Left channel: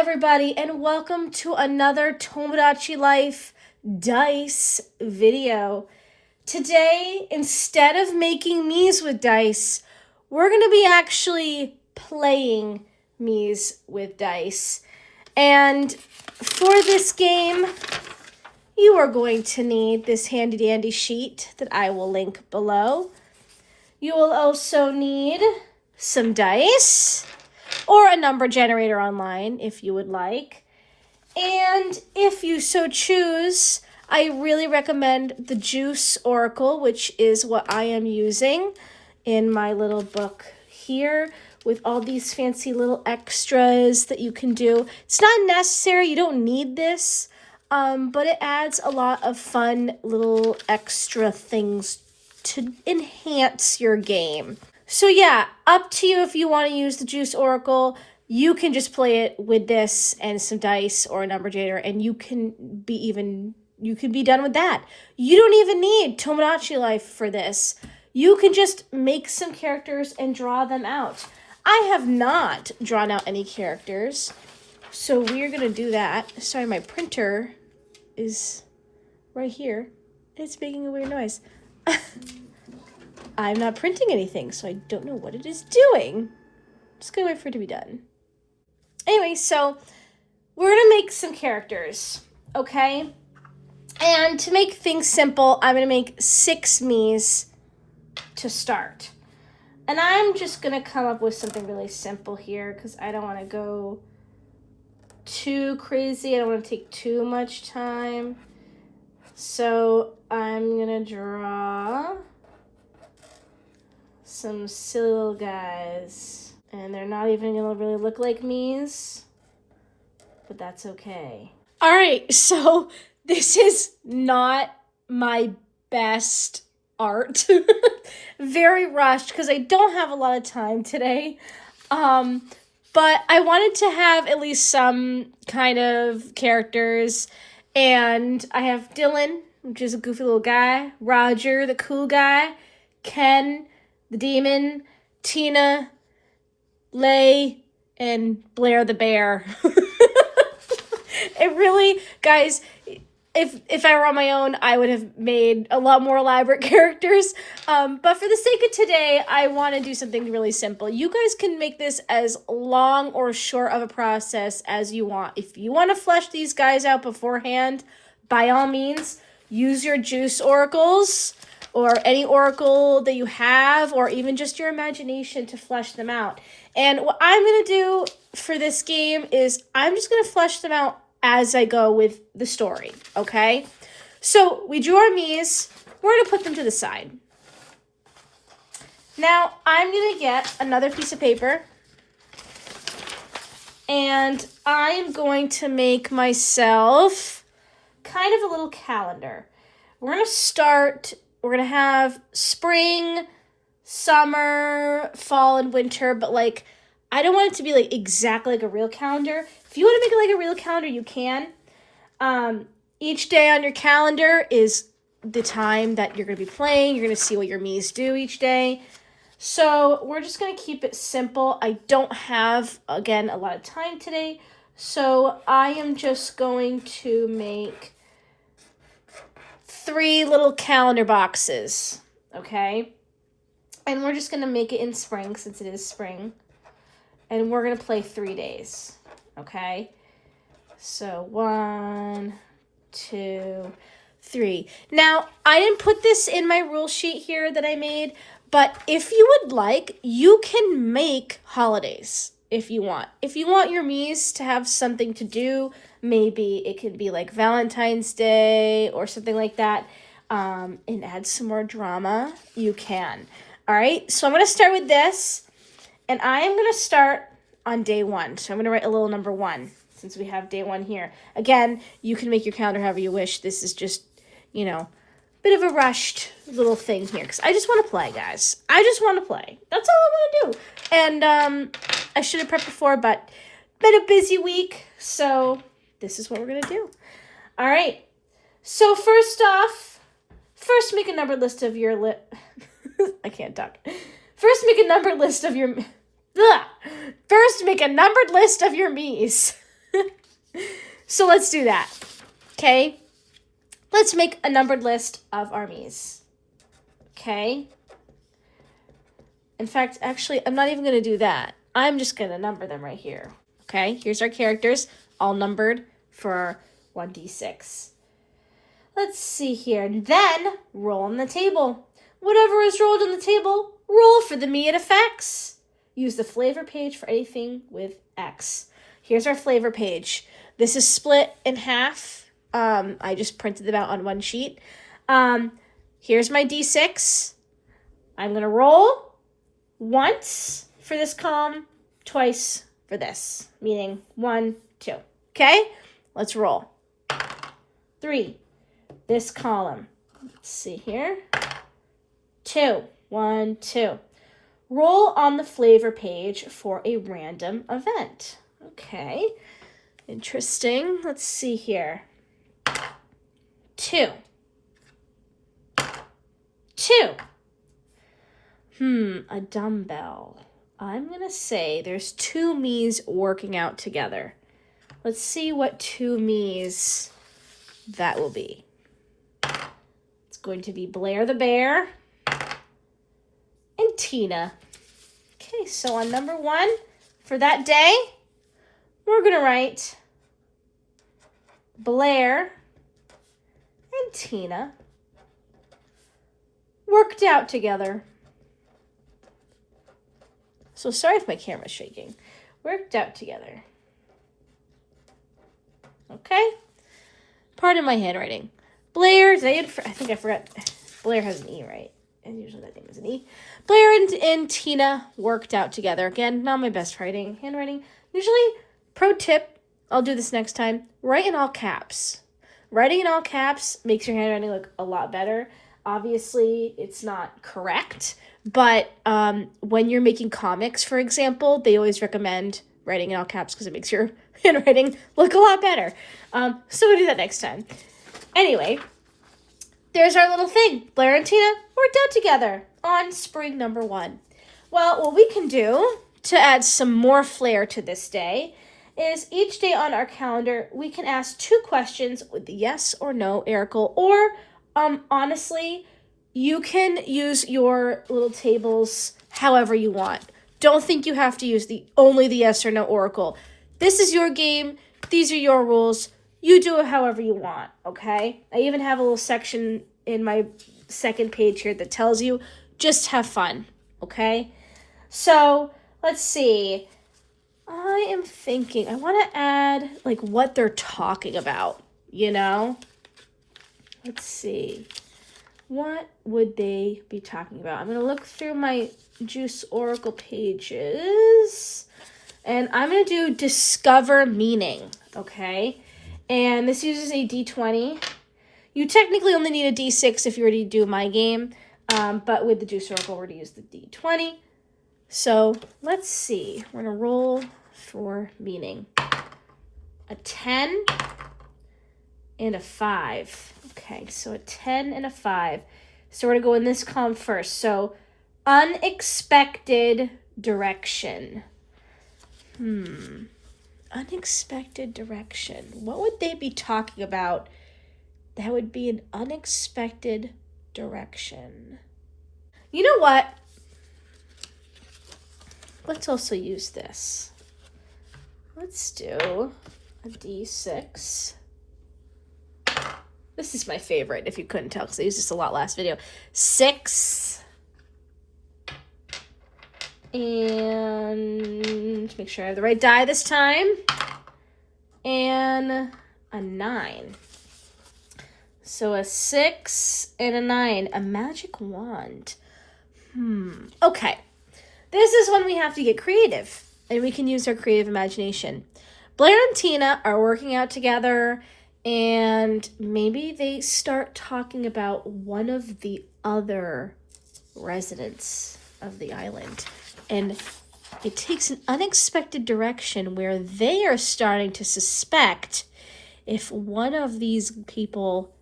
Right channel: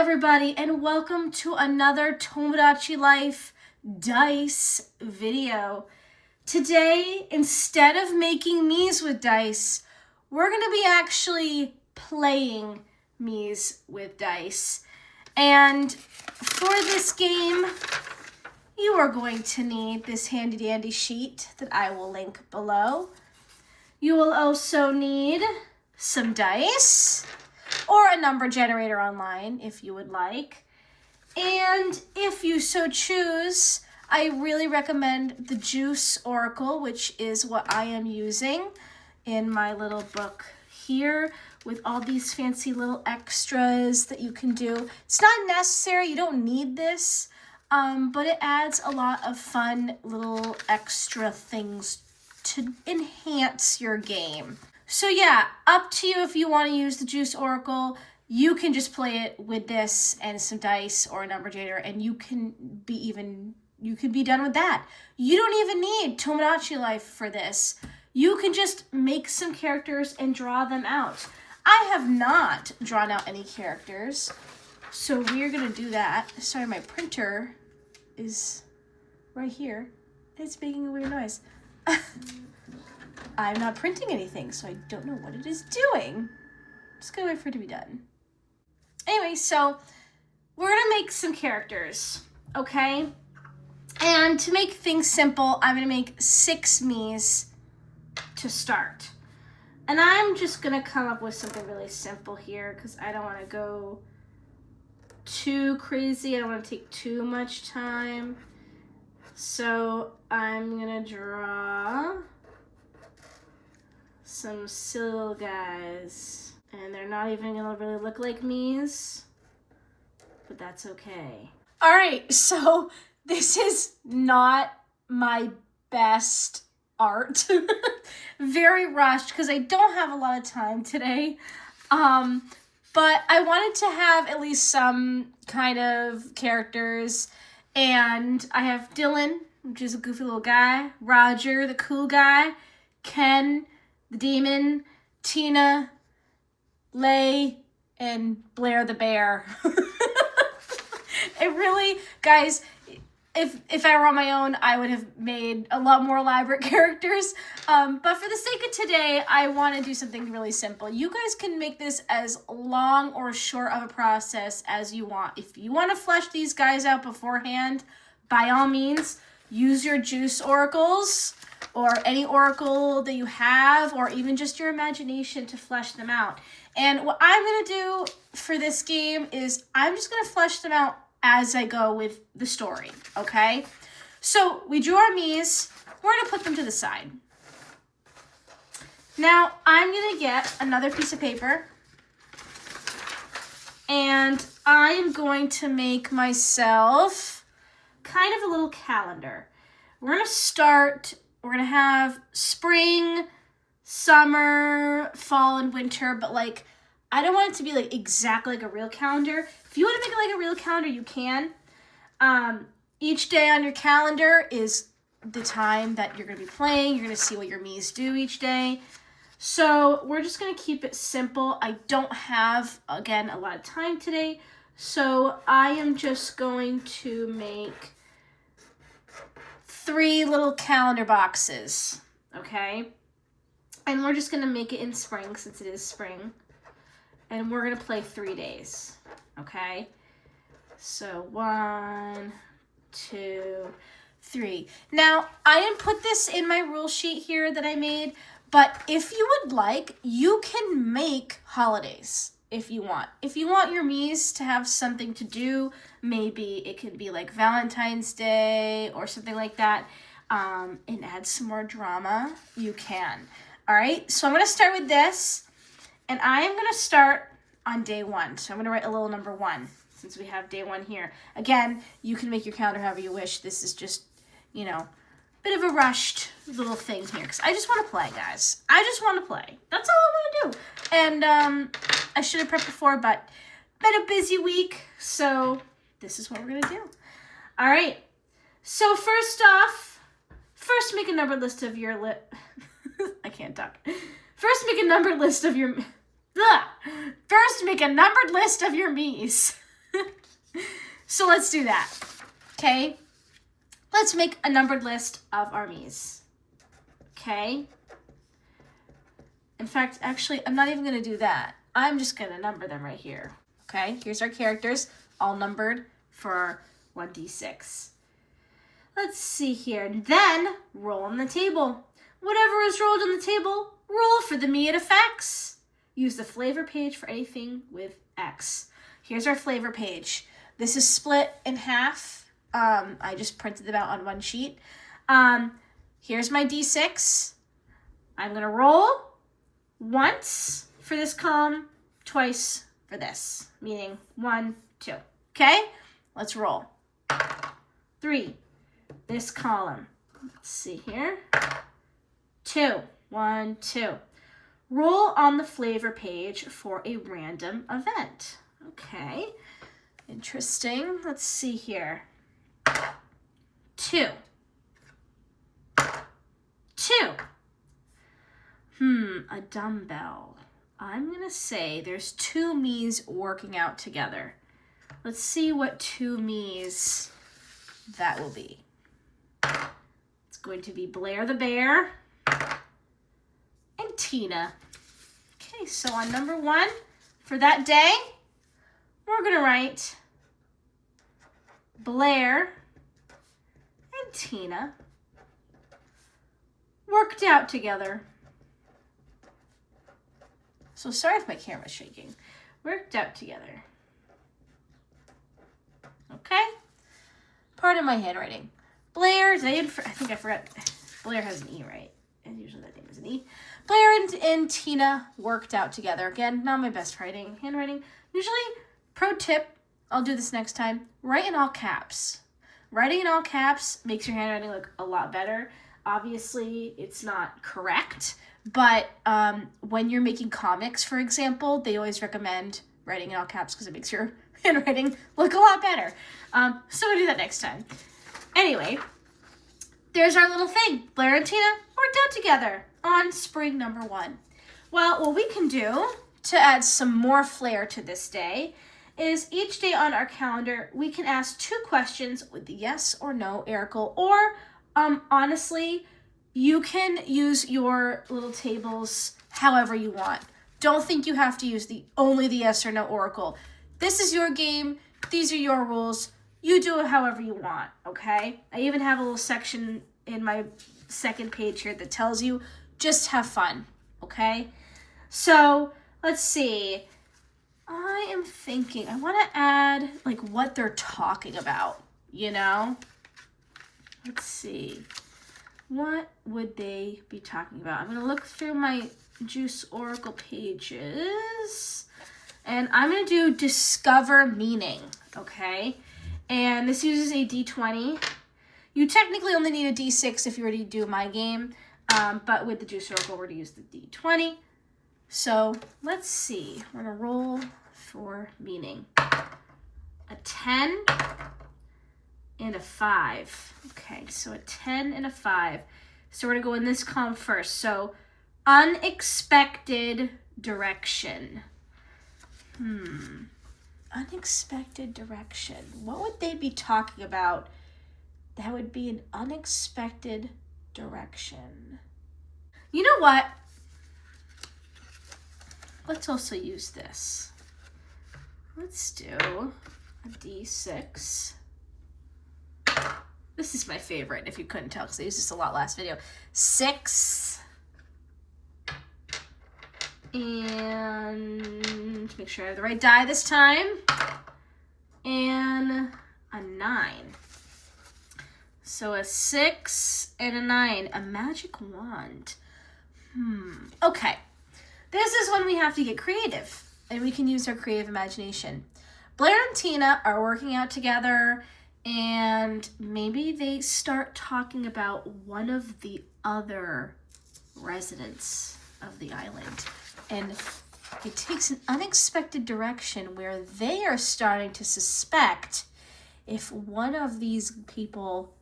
everybody, and welcome to another Tomodachi Life dice video. Today, instead of making Miis with dice, we're going to be actually playing Miis with dice. And for this game, you are going to need this handy dandy sheet that I will link below. You will also need some dice, or a number generator online if you would like. And if you so choose, I really recommend the Juice Oracle, which is what I am using in my little book here with all these fancy little extras that you can do. It's not necessary, you don't need this, but it adds a lot of fun little extra things to enhance your game. So yeah, up to you if you want to use the Juice Oracle. You can just play it with this and some dice or a number generator, and you can be done with that. You don't even need Tomodachi Life for this. You can just make some characters and draw them out. I have not drawn out any characters, so we're gonna do that. Sorry, my printer is right here. It's making a weird noise. I'm not printing anything, so I don't know what it is doing. Just gonna wait for it to be done. Anyway, so we're gonna make some characters, okay? And to make things simple, I'm gonna make 6 Miis to start. And I'm just gonna come up with something really simple here because I don't wanna go too crazy. I don't wanna take too much time. So I'm gonna draw some silly little guys, and they're not even gonna really look like Miis, but that's okay. All right, so this is not my best art. Very rushed because I don't have a lot of time today, but I wanted to have at least some kind of characters, and I have Dylan, which is a goofy little guy, Roger, the cool guy, Ken, the demon, Tina, Lay, and Blair the bear. It really, guys, if I were on my own, I would have made a lot more elaborate characters. But for the sake of today, I want to do something really simple. You guys can make this as long or short of a process as you want. If you want to flesh these guys out beforehand, by all means, use your Juice Oracles, or any oracle that you have, or even just your imagination to flesh them out. And what I'm going to do for this game is I'm just going to flesh them out as I go with the story, okay? So we drew our Miis. We're going to put them to the side. Now I'm going to get another piece of paper, and I'm going to make myself kind of a little calendar. We're going to have spring, summer, fall, and winter, but like, I don't want it to be like exactly like a real calendar. If you want to make it like a real calendar, you can. Each day on your calendar is the time that you're going to be playing. You're going to see what your Miis do each day. So we're just going to keep it simple. I don't have, again, a lot of time today. So I am just going to make 3 little calendar boxes, okay? And we're just going to make it in spring since it is spring. And we're going to play 3 days, okay? So 1, 2, 3. Now, I didn't put this in my rule sheet here that I made, but if you would like, you can make holidays if you want. If you want your Miis to have something to do, maybe it could be like Valentine's Day or something like that, and add some more drama, you can. All right, so I'm going to start with this, and I am going to start on day 1. So I'm going to write a little number 1 since we have day 1 here. Again, you can make your calendar however you wish. This is just, you know, bit of a rushed little thing here because I just want to play, guys. I just want to play. That's all I want to do. And I should have prepped before, but been a busy week, so this is what we're going to do. All right. So first off, make a numbered list of your I can't talk. First, make a numbered list of your Miis. So let's do that, okay? Let's make a numbered list of armies, okay? In fact, actually, I'm not even going to do that. I'm just going to number them right here, okay? Here's our characters, all numbered for 1d6. Let's see here. Then, roll on the table. Whatever is rolled on the table, roll for the immediate effects. Use the flavor page for anything with X. Here's our flavor page. This is split in half. I just printed them out on one sheet. Here's my D6. I'm going to roll once for this column, twice for this, meaning 1, 2. Okay? Let's roll. 3. This column. Let's see here. 2. 1, 2. Roll on the flavor page for a random event. Okay. Interesting. Let's see here. 2. 2. A dumbbell. I'm going to say there's 2 me's working out together. Let's see what 2 me's that will be. It's going to be Blair the bear and Tina. Okay, so on number 1 for that day, we're going to write Blair and Tina worked out together. So sorry if my camera's shaking. Worked out together. Okay? Pardon my handwriting. Blair, I think I forgot. Blair has an E, right? And usually that name is an E. Blair and Tina worked out together. Again, not my best handwriting. Usually, pro tip, I'll do this next time, write in all caps. Writing in all caps makes your handwriting look a lot better. Obviously, it's not correct, but when you're making comics, for example, they always recommend writing in all caps because it makes your handwriting look a lot better. So we'll do that next time. Anyway, there's our little thing. Blair and Tina worked out together on spring number 1. Well, what we can do to add some more flair to this day is each day on our calendar, we can ask 2 questions with the yes or no article, or honestly, you can use your little tables however you want. Don't think you have to use only the yes or no oracle. This is your game. These are your rules. You do it however you want, okay? I even have a little section in my second page here that tells you just have fun, okay? So let's see. I am thinking I want to add like what they're talking about, you know? Let's see. What would they be talking about? I'm going to look through my Juice Oracle pages, and I'm going to do Discover Meaning, okay? And this uses a D20. You technically only need a D6 if you were to do my game, but with the Juice Oracle, we're going to use the D20. So let's see. We're going to roll for meaning. A 10 and a 5. Okay, so a 10 and a 5. So we're going to go in this column first. So unexpected direction. Unexpected direction. What would they be talking about? That would be an unexpected direction. You know what? Let's also use this. Let's do a D6. This is my favorite, if you couldn't tell, because I used this a lot last video. 6. And make sure I have the right die this time. And a 9. So a 6 and a 9. A magic wand. Okay. This is when we have to get creative. And we can use our creative imagination. Blair and Tina are working out together. And maybe they start talking about one of the other residents of the island. And it takes an unexpected direction where they are starting to suspect if one of these people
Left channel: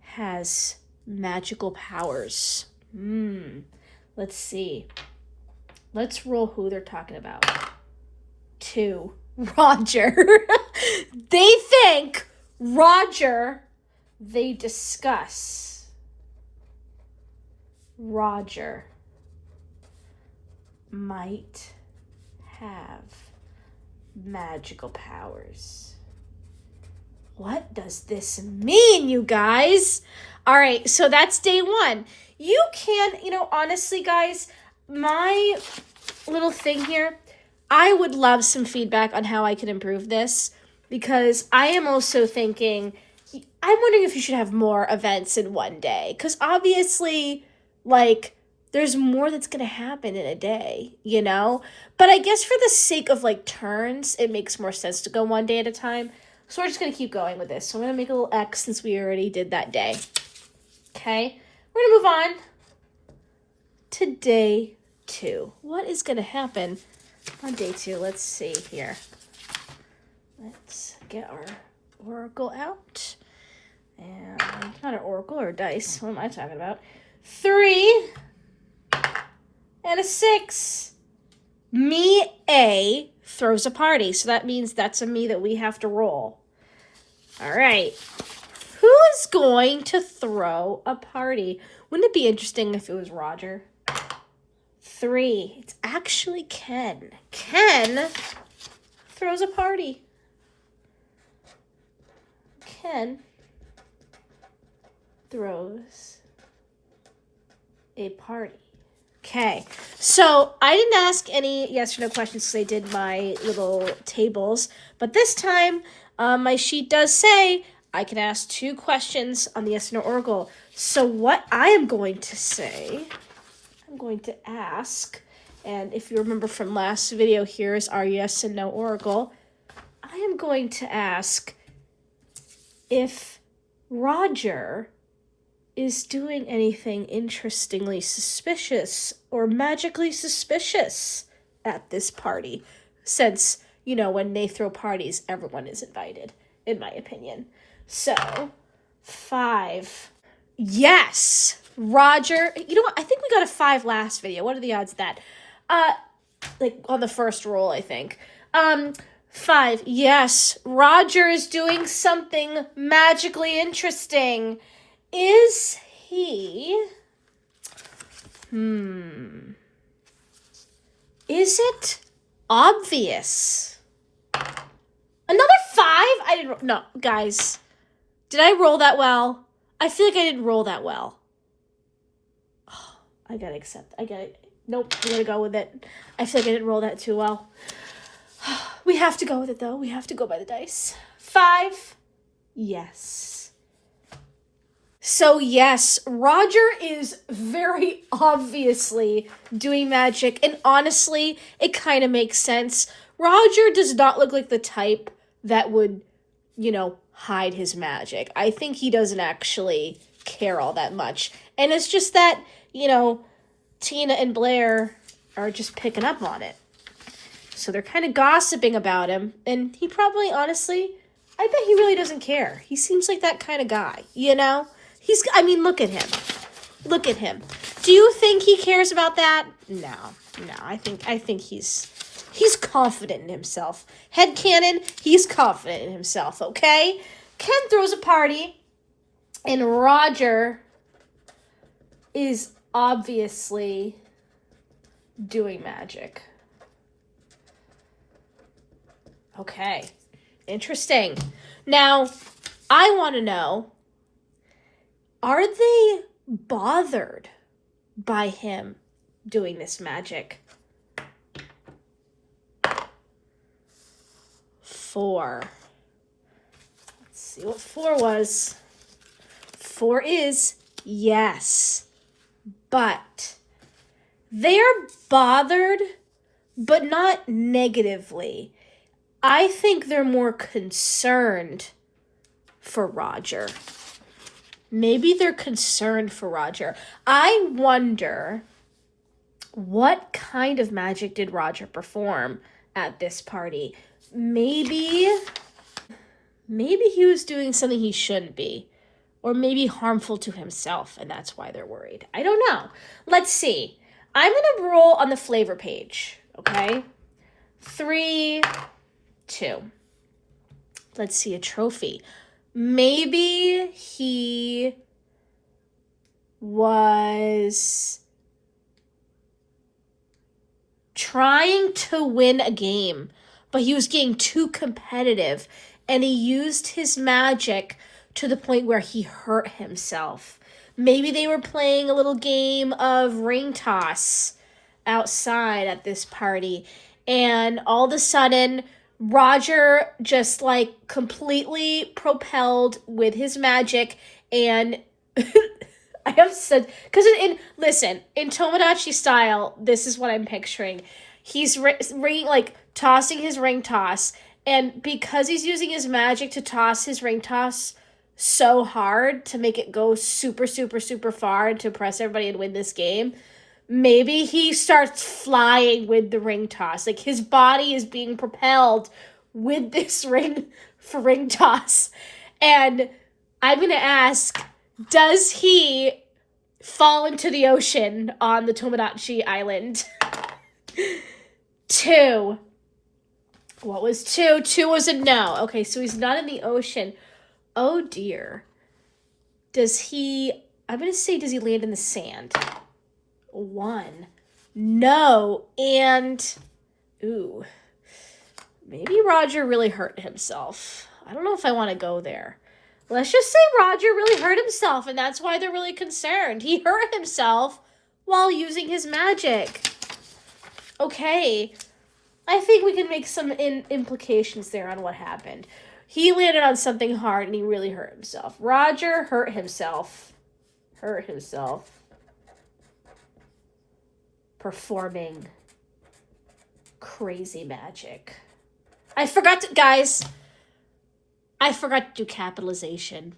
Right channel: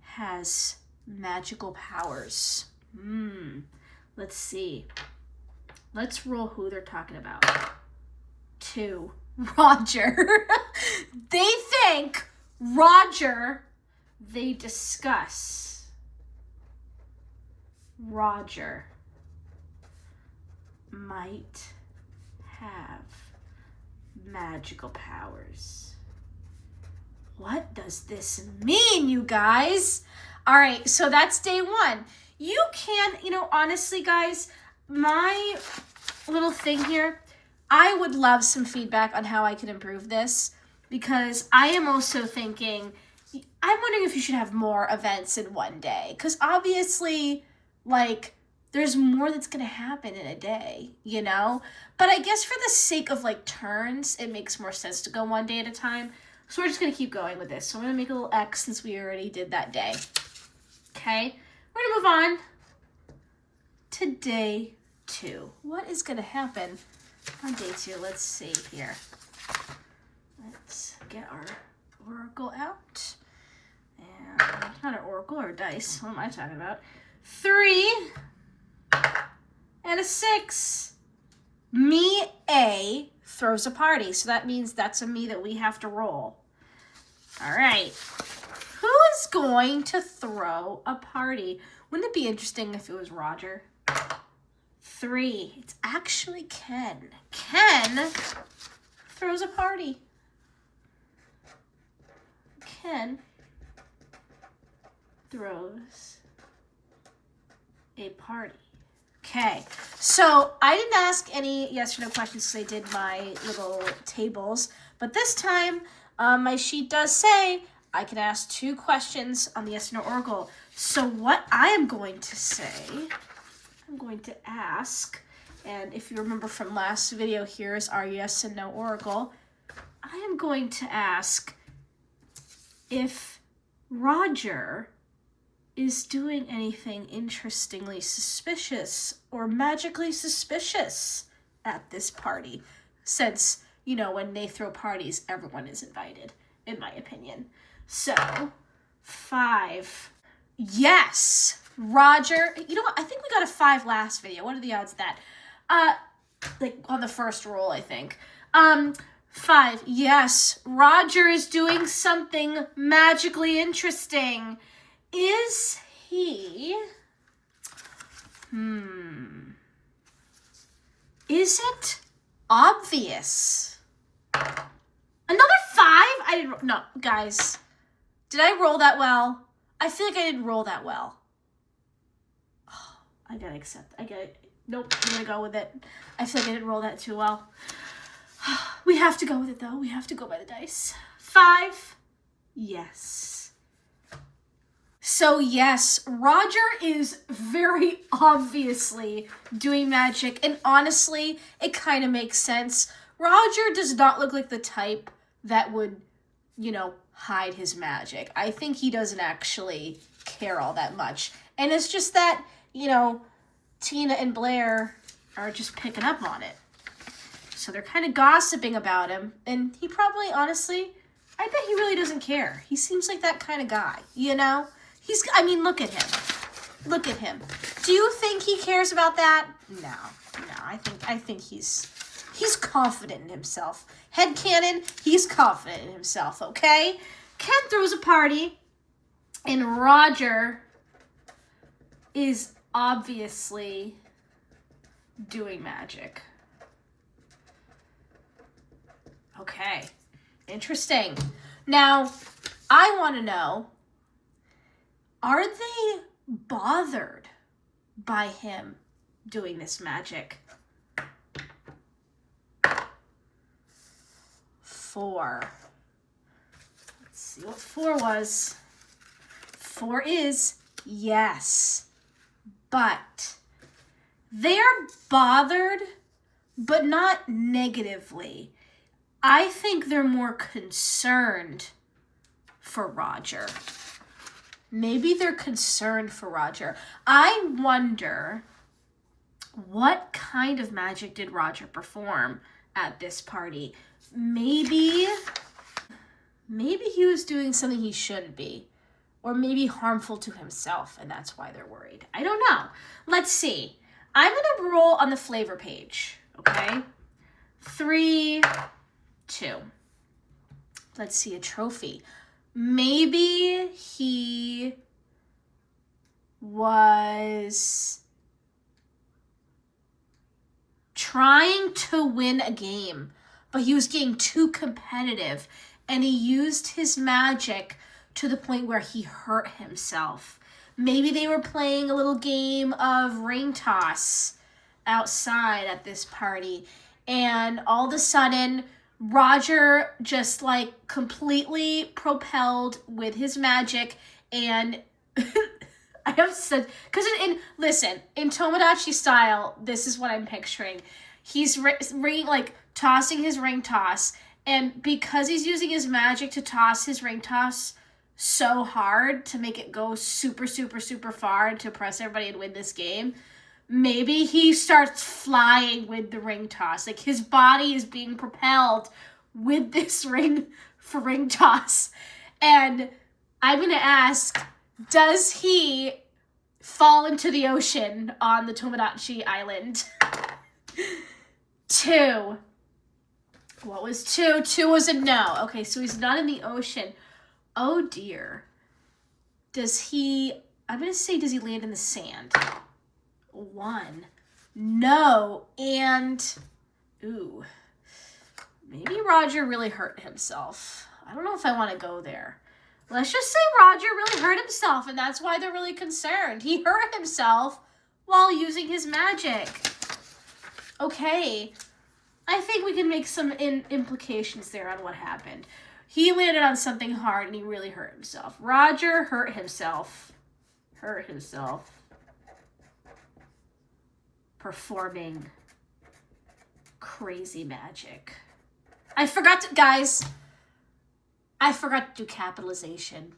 has magical powers. Let's see. Let's roll who they're talking about. 2. Roger. They think Roger, they discuss Roger might have magical powers. What does this mean, you guys? All right, so that's day one. You can, honestly, guys, my little thing here, I would love some feedback on how I can improve this, because I am also thinking, I'm wondering if you should have more events in one day, because obviously, there's more that's going to happen in a day, But I guess for the sake of, turns, it makes more sense to go one day at a time. So we're just going to keep going with this. So I'm going to make a little X since we already did that day. Okay? We're going to move on to day 2. What is going to happen on day 2? Let's see here. Let's get our oracle out. And not an oracle or a dice. What am I talking about? 3 and a 6. Me A throws a party. So that means that's a me that we have to roll. All right. Who is going to throw a party? Wouldn't it be interesting if it was Roger? 3. It's actually Ken. Ken throws a party. Ken throws a party. Okay, so I didn't ask any yes or no questions because I did my little tables, but this time my sheet does say I can ask 2 questions on the yes or no oracle. So what I am going to say, I'm going to ask, and if you remember from last video, here's our yes and no oracle. I am going to ask if Roger is doing anything interestingly suspicious or magically suspicious at this party. Since, when they throw parties, everyone is invited, in my opinion. So, 5. Yes! Roger, you know what? I think we got a 5 last video. What are the odds of that? On the first roll, I think. 5. Yes, Roger is doing something magically interesting. Is he? Is it obvious? Another 5? I didn't. No, guys. Did I roll that well? I feel like I didn't roll that well. Oh, I gotta accept. Nope, I'm gonna go with it. I feel like I didn't roll that too well. We have to go with it, though. We have to go by the dice. 5. Yes. So yes, Roger is very obviously doing magic, and honestly, it kind of makes sense. Roger does not look like the type that would, hide his magic. I think he doesn't actually care all that much. And it's just that, Tina and Blair are just picking up on it. So they're kind of gossiping about him, and he probably, honestly, I bet he really doesn't care. He seems like that kind of guy, look at him. Look at him. Do you think he cares about that? No. I think he's confident in himself. Headcanon, he's confident in himself, okay? Ken throws a party, and Roger is obviously doing magic. Okay. Interesting. Now, I want to know, are they bothered by him doing this magic? 4. Let's see what 4 was. 4 is yes, but they're bothered, but not negatively. I think they're more concerned for Roger. Maybe they're concerned for Roger. I wonder what kind of magic did Roger perform at this party? Maybe he was doing something he shouldn't be, or maybe harmful to himself, and that's why they're worried. I don't know. Let's see. I'm going to roll on the flavor page, okay? 3, 2. Let's see, a trophy. Maybe he was trying to win a game, but he was getting too competitive, and he used his magic to the point where he hurt himself. Maybe they were playing a little game of ring toss outside at this party, and all of a sudden Roger just like completely propelled with his magic, and I have said, because listen, in Tomodachi style, this is what I'm picturing. He's tossing his ring toss, and because he's using his magic to toss his ring toss so hard to make it go super, super, super far and to impress everybody and win this game, maybe he starts flying with the ring toss. Like, his body is being propelled with this ring toss. And I'm going to ask, does he fall into the ocean on the Tomodachi Island? 2. What was 2? 2 was a no. Okay, so he's not in the ocean. Oh, dear. I'm going to say, does he land in the sand? 1. No. And, ooh, maybe Roger really hurt himself. I don't know if I want to go there. Let's just say Roger really hurt himself, and that's why they're really concerned. He hurt himself while using his magic. Okay. I think we can make some implications there on what happened. He landed on something hard, and he really hurt himself. Roger hurt himself. Performing crazy magic. I forgot to do capitalization.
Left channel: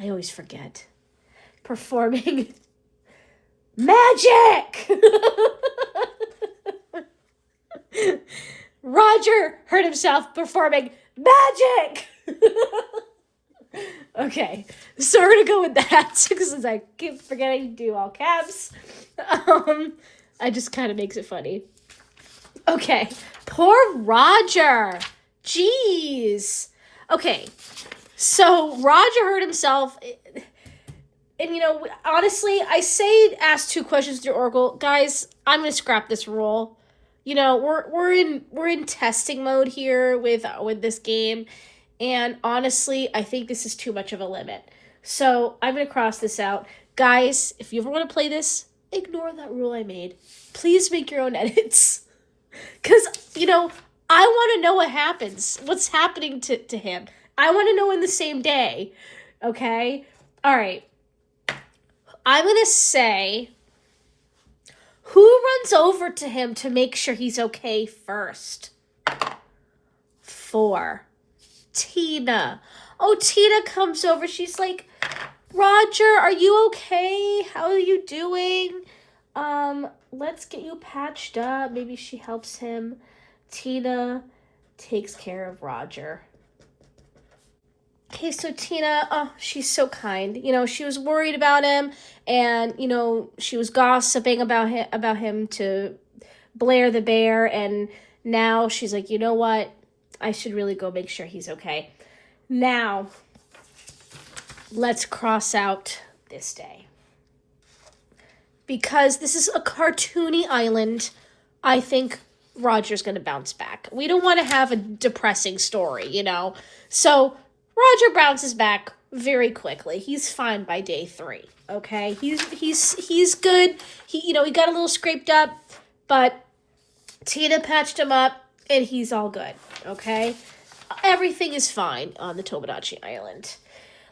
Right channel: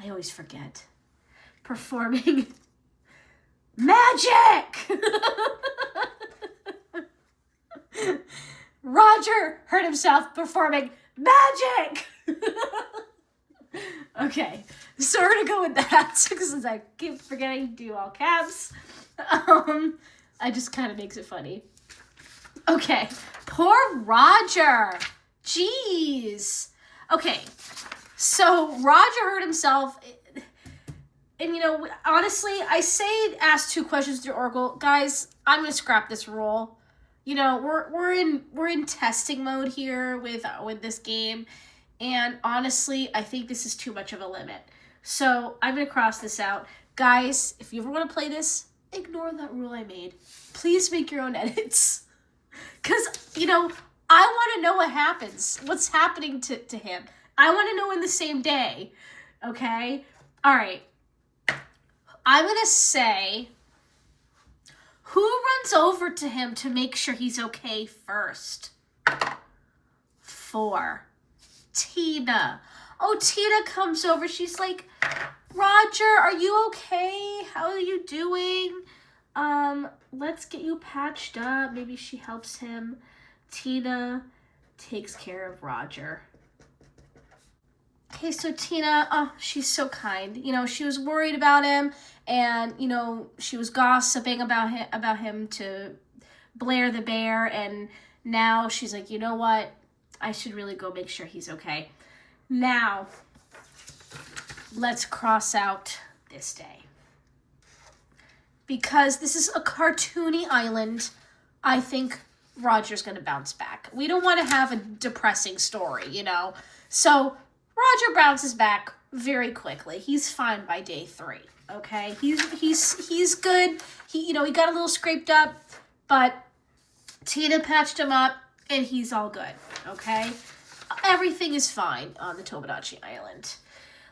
I always forget. Performing magic! Roger hurt himself performing magic! Okay, so we're gonna go with that because I keep forgetting to do all caps. I just kind of makes it funny. Okay, poor Roger. Jeez. Okay, so Roger hurt himself, and honestly, I say ask 2 questions to Oracle. Guys, I'm gonna scrap this rule. We're in testing mode here with this game, and honestly, I think this is too much of a limit. So I'm gonna cross this out. Guys, if you ever want to play this, ignore that rule I made. Please make your own edits. Because, I want to know what happens. What's happening to him. I want to know in the same day. Okay? All right. I'm going to say, who runs over to him to make sure he's okay first? 4. Tina. Oh, Tina comes over. She's like, Roger, are you okay? How are you doing? Let's get you patched up. Maybe she helps him. Tina takes care of Roger. Okay, so Tina, oh, she's so kind. She was worried about him, and, she was gossiping about him to Blair the bear, and now she's like, you know what? I should really go make sure he's okay. Now, let's cross out this day. Because this is a cartoony island, I think Roger's going to bounce back. We don't want to have a depressing story, So Roger bounces back very quickly. He's fine by day 3, okay? He's good. He got a little scraped up, but Tina patched him up, and he's all good, okay? Everything is fine on the Tomodachi Island.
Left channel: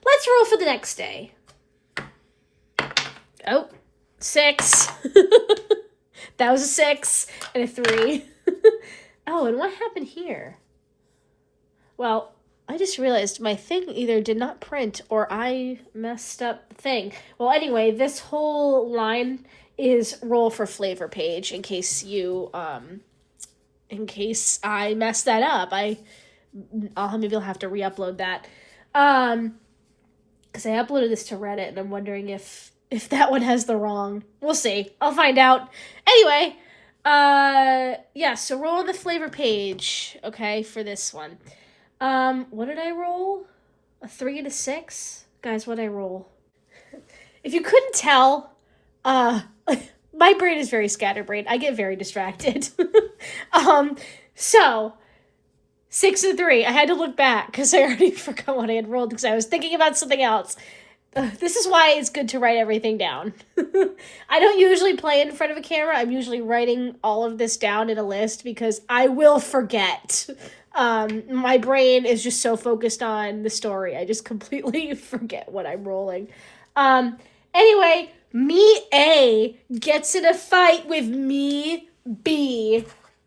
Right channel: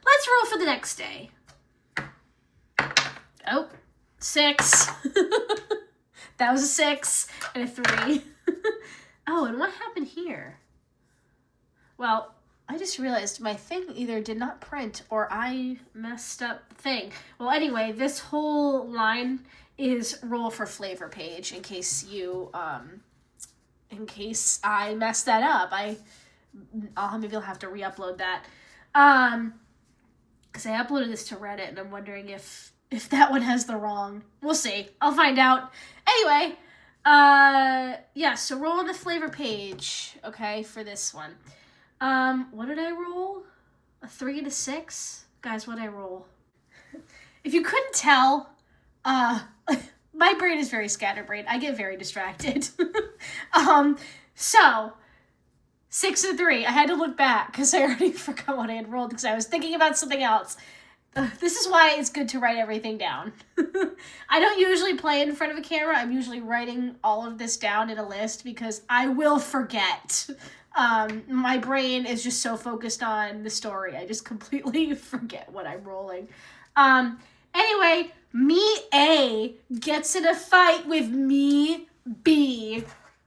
Let's roll for the next day. Oh, 6. That was a 6 and a 3. Oh, and what happened here? Well, I just realized my thing either did not print or I messed up the thing. Well, anyway, this whole line is roll for flavor page in case I messed that up. Maybe I'll have to re-upload that. Because I uploaded this to Reddit, and I'm wondering if that one has the wrong. We'll see. I'll find out. Anyway, Yeah, so roll on the flavor page, okay, for this one. What did I roll? A 3 and a 6? Guys, what did I roll? If you couldn't tell, my brain is very scatterbrained. I get very distracted. So 6 and 3. I had to look back because I already forgot what I had rolled because I was thinking about something else. This is why it's good to write everything down. I don't usually play in front of a camera. I'm usually writing all of this down in a list because I will forget. My brain is just so focused on the story. I just completely forget what I'm rolling. Anyway, me A gets in a fight with me B.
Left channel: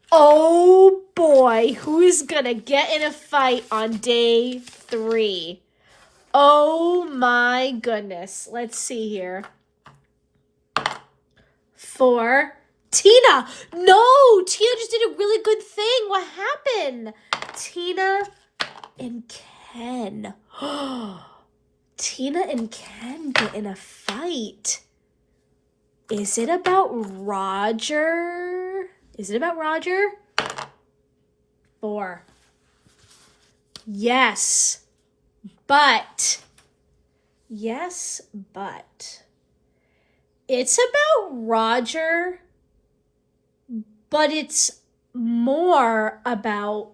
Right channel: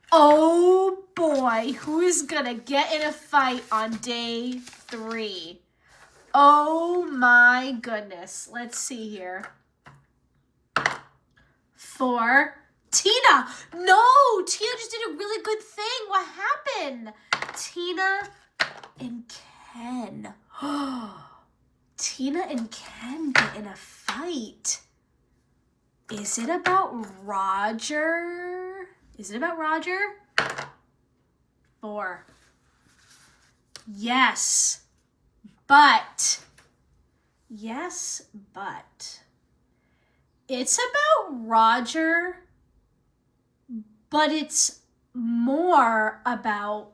Oh boy, who is gonna get in a fight on day 3? Oh my goodness. Let's see here. 4. Tina. No, Tina just did a really good thing. What happened? Tina and Ken. Tina and Ken get in a fight. Is it about Roger? Is it about Roger? 4. Yes. But it's about Roger, but it's more about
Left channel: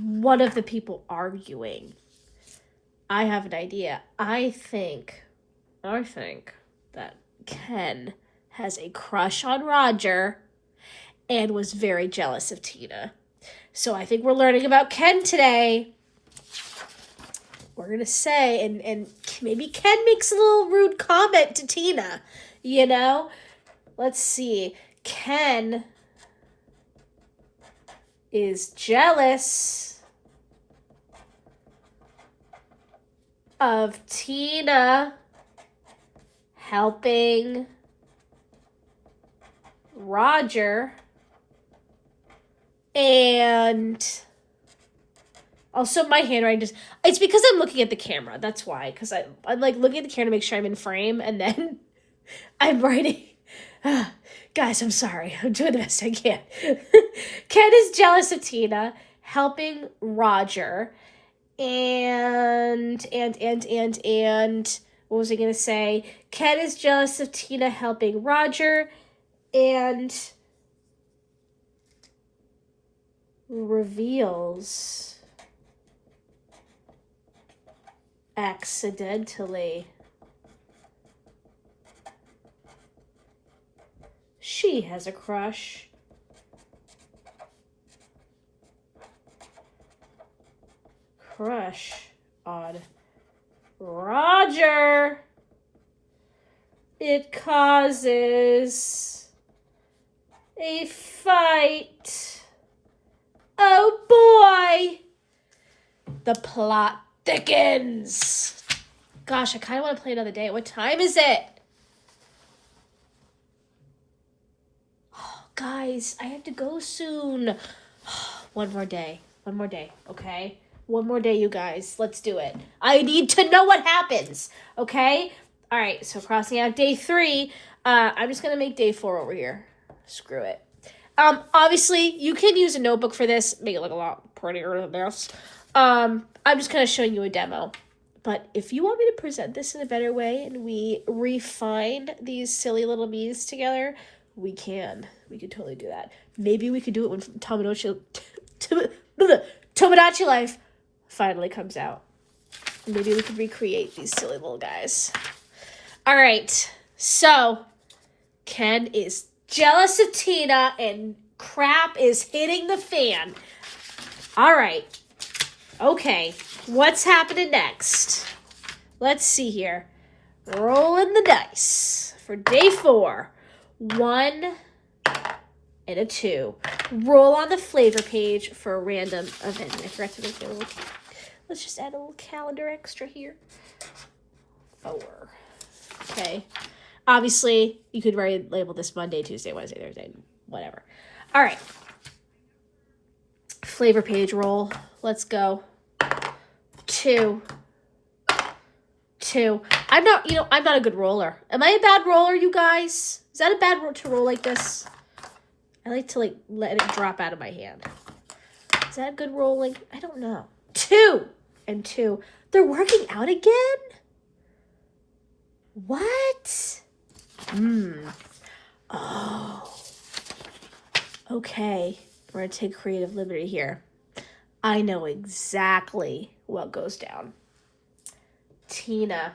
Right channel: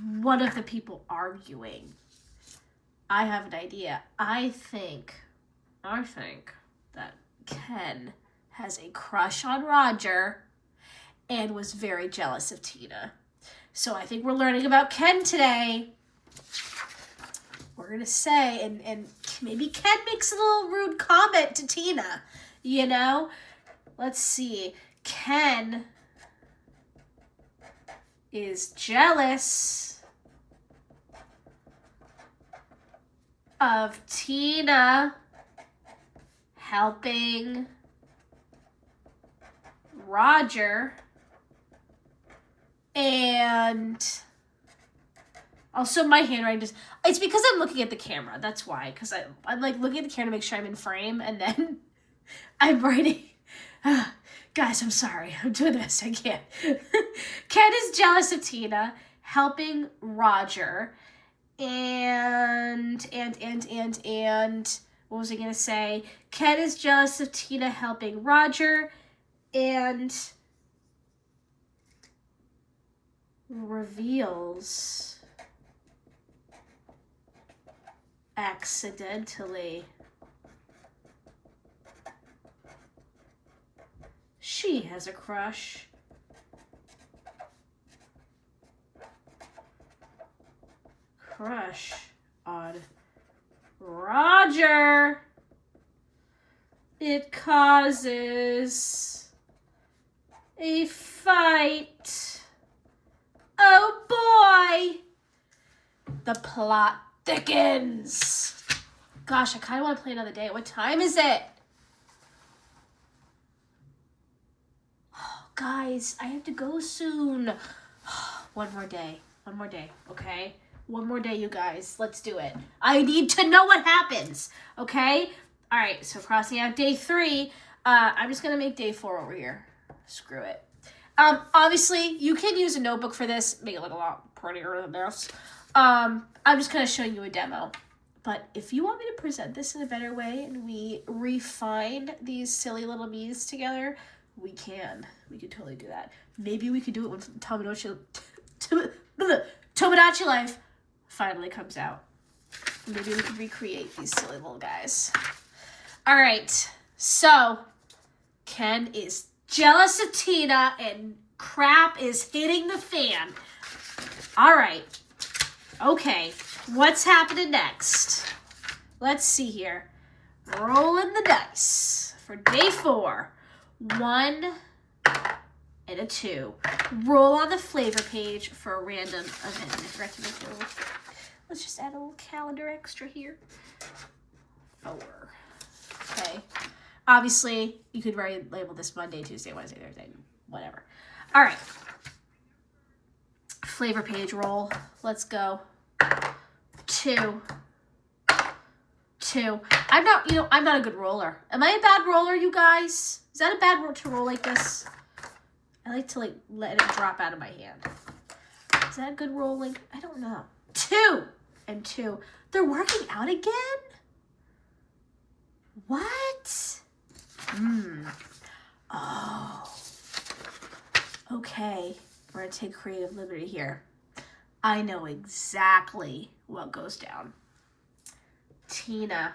one of the people arguing. I have an idea. I think that Ken has a crush on Roger and was very jealous of Tina. So I think we're learning about Ken today. We're going to say, and maybe Ken makes a little rude comment to Tina, you know? Let's see. Ken is jealous of Tina helping Roger, and also my handwriting just, it's because I'm looking at the camera, that's why, because I'm like looking at the camera to make sure I'm in frame, and then I'm writing. Guys, I'm sorry, I'm doing the best I can. Ken is jealous of Tina helping Roger, and what was I gonna say? Ken is jealous of Tina helping Roger, and reveals accidentally she has a crush on Roger. It causes a fight. Oh boy! The plot thickens. Gosh, I kind of want to play another day. What time is it? Oh, guys, I have to go soon. One more day, okay? One more day, you guys. Let's do it. I need to know what happens, okay? All right, so crossing out day 3. I'm just going to make day 4 over here. Screw it. Obviously, you can use a notebook for this. Make it look a lot prettier than this. I'm just kind of showing you a demo. But if you want me to present this in a better way and we refine these silly little me's together, we can. We can totally do that. Maybe we could do it when Tomodachi Life finally comes out. Maybe we could recreate these silly little guys. All right. So, Ken is jealous of Tina and crap is hitting the fan. All right. Okay. What's happening next? Let's see here. Rolling the dice for day 4. 1 and a 2. Roll on the flavor page for a random event. I forgot to make a little. Let's just add a little calendar extra here. 4. Okay. Obviously, you could label this Monday, Tuesday, Wednesday, Thursday, whatever. All right. Flavor page roll. Let's go. 2. I'm not a good roller. Am I a bad roller, you guys? Is that a bad roll to roll like this? I like to let it drop out of my hand. Is that a good rolling? I don't know. 2 and 2. They're working out again? What? Oh. Okay. We're going to take creative liberty here. I know exactly what goes down. Tina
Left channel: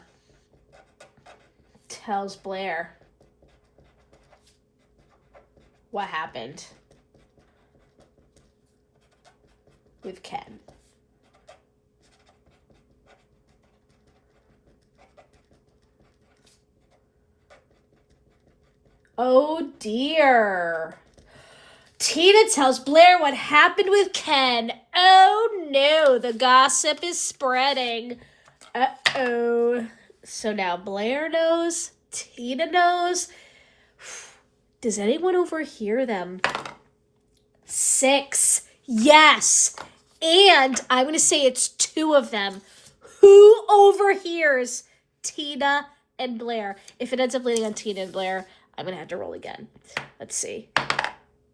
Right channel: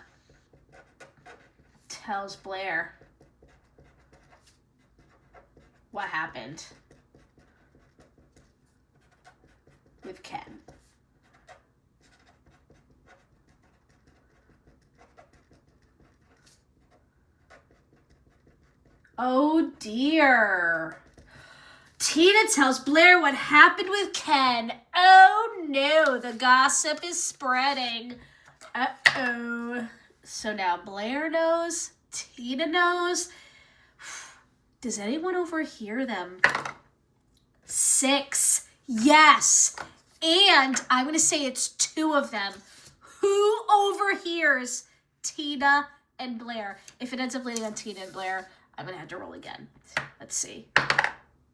tells Blair what happened with Ken. Oh dear. Tina tells Blair what happened with Ken. Oh no, the gossip is spreading. Uh-oh. So now Blair knows, Tina knows. Does anyone overhear them? 6. Yes. And I'm going to say it's 2 of them. Who overhears Tina and Blair? If it ends up leaning on Tina and Blair, I'm going to have to roll again. Let's see.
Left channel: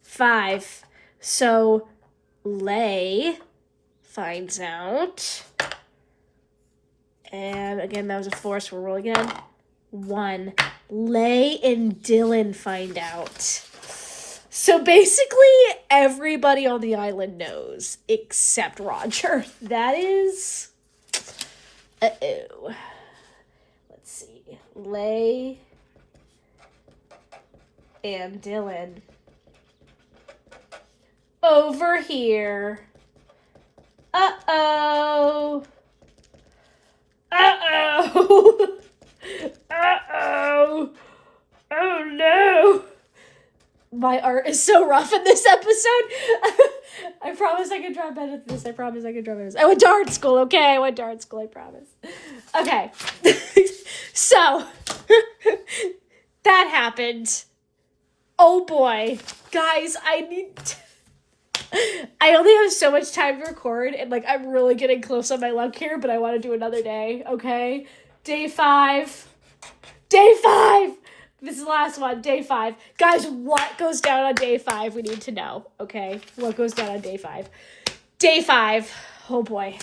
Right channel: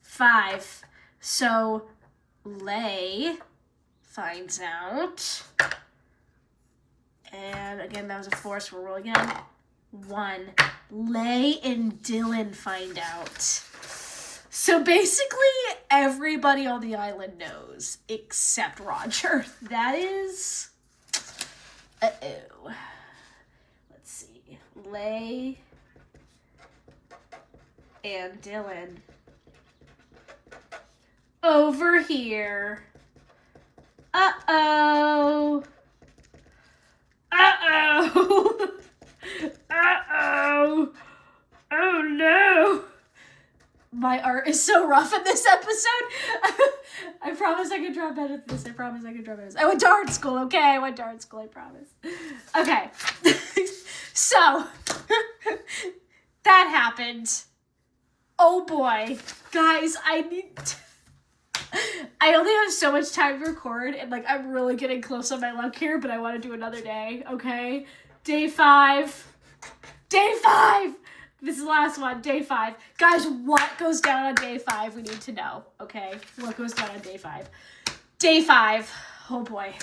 5. So Lay finds out. And again, that was a 4, so we'll roll again. 1. Lay and Dylan find out. So basically, everybody on the island knows except Roger. That is... Uh-oh. Let's see. Lay and Dylan over here. Uh-oh. Uh-oh. Uh-oh. Oh, no. My art is so rough in this episode. I promise I can draw better than this. I promise I can draw better than this. I went to art school, okay? I went to art school, I promise. Okay. So, that happened. Oh, boy. Guys, I only have so much time to record, and, I'm really getting close on my luck here, but I want to do another day, okay? Day 5. Day 5! This is the last one, day 5. Guys, what goes down on day 5? We need to know, okay? What goes down on day 5? Day 5. Oh, boy.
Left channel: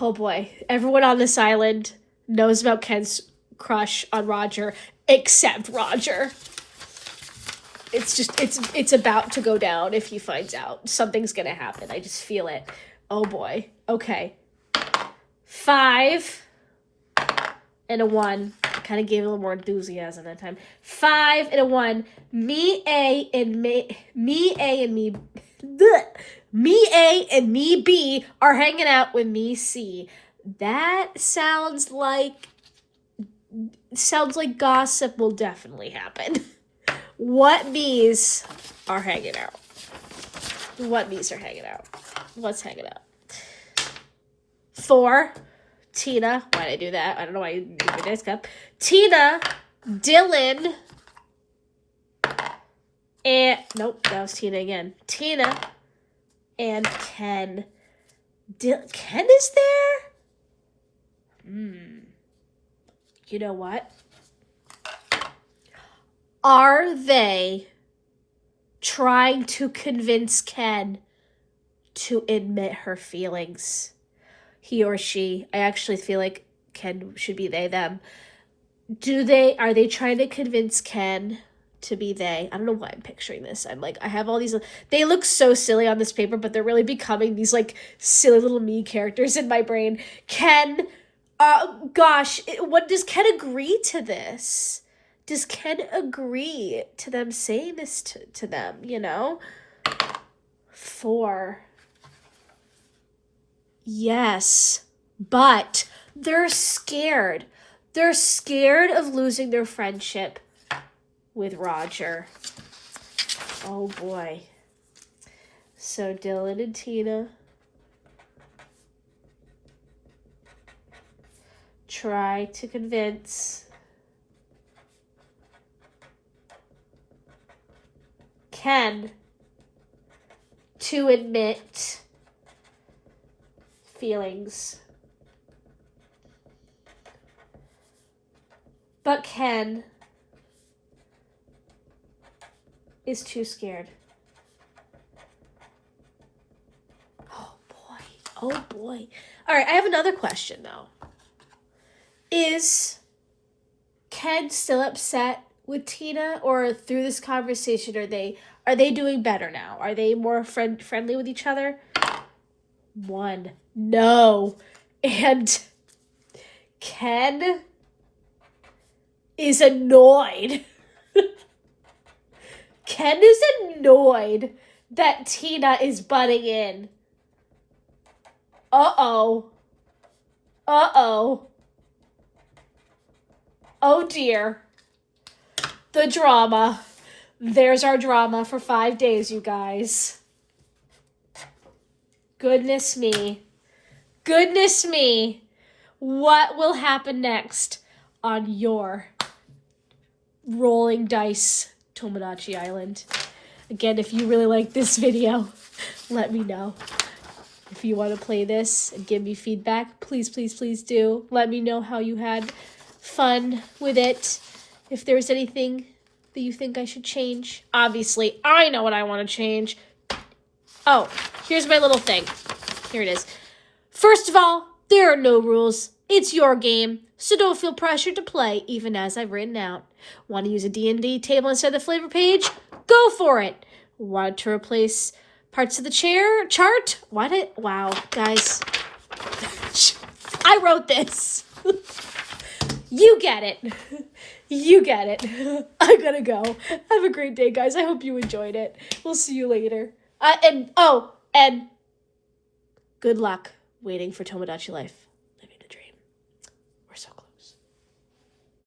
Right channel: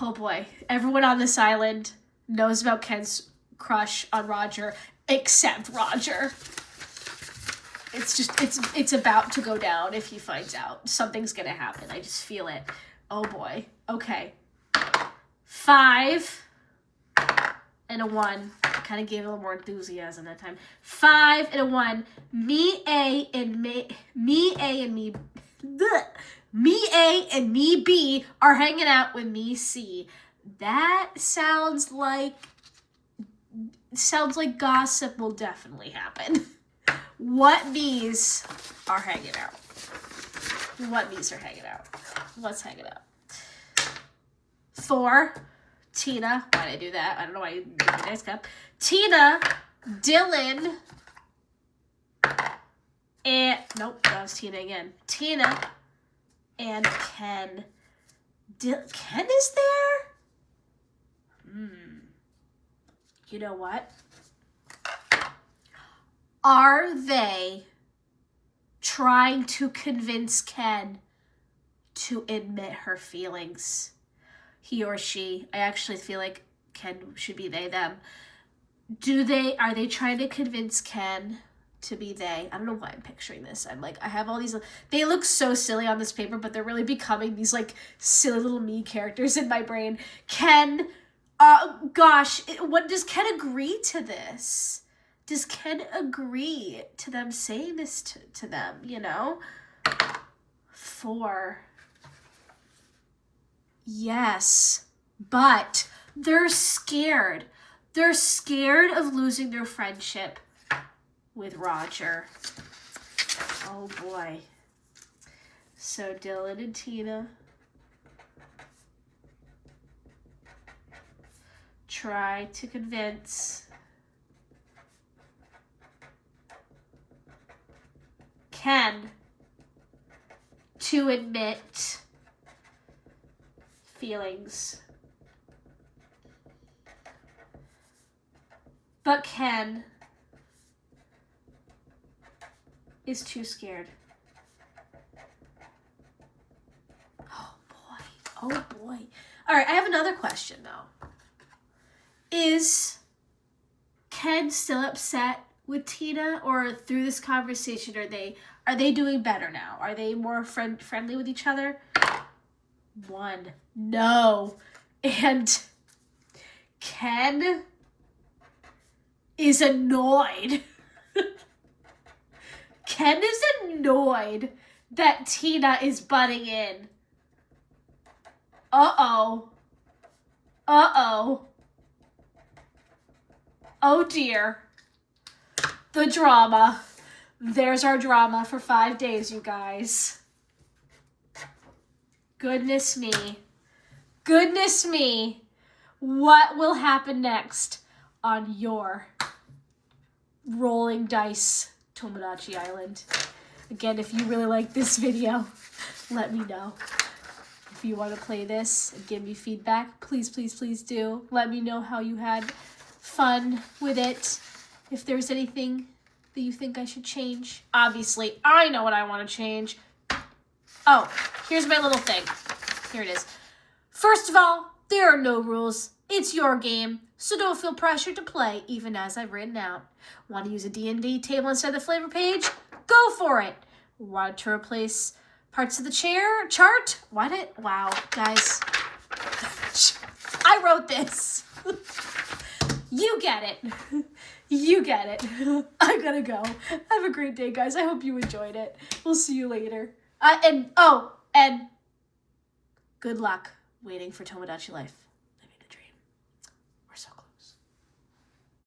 Oh, boy. Everyone on this island knows about Ken's crush on Roger, except Roger. It's about to go down if he finds out. Something's gonna happen. I just feel it. Oh, boy. Okay. 5 and a 1. I kind of gave it a little more enthusiasm that time. 5 and a 1. Me A and me B are hanging out with me C. That sounds like gossip will definitely happen. What me's are hanging out? What me's are hanging out? What's hanging out? 4. Tina. Why did I do that? I don't know why you made a nice cup. Tina, Dylan, and... Nope, that was Tina again. Tina and Ken. Ken is there? You know what? Are they trying to convince Ken to admit her feelings? He or she. I actually feel like Ken should be they, them. Are they trying to convince Ken to be they? I don't know why I'm picturing this. I have all these, they look so silly on this paper, but they're really becoming these silly little me characters in my brain. Ken, gosh, what does Ken agree to this? Does Ken agree to them saying this to them, 4. Yes, but they're scared. They're scared of losing their friendship with Roger. Oh, boy. So Dylan and Tina try to convince Ken to admit feelings. But Ken is too scared. Oh boy. Oh boy. All right, I have another question though. Is Ken still upset with Tina, or through this conversation are they doing better now? Are they more friendly with each other? 1. No. And Ken is annoyed. Ken is annoyed that Tina is butting in. Uh-oh. Uh-oh. Oh dear. The drama. There's our drama for 5 days, you guys. Goodness me. Goodness me. What will happen next on your rolling dice Tomodachi Island? Again, if you really like this video, let me know. If you want to play this and give me feedback, please, please, please do. Let me know how you had fun with it. If there's anything that you think I should change. Obviously, I know what I want to change. Oh, here's my little thing. Here it is. First of all, there are no rules. It's your game, so don't feel pressured to play, even as I've written out. Want to use a D&D table instead of the flavor page? Go for it. Want to replace parts of the chart? Wow, guys. I wrote this. You get it. You get it. I gotta go. Have a great day, guys. I hope you enjoyed it. We'll see you later. And good luck waiting for Tomodachi Life.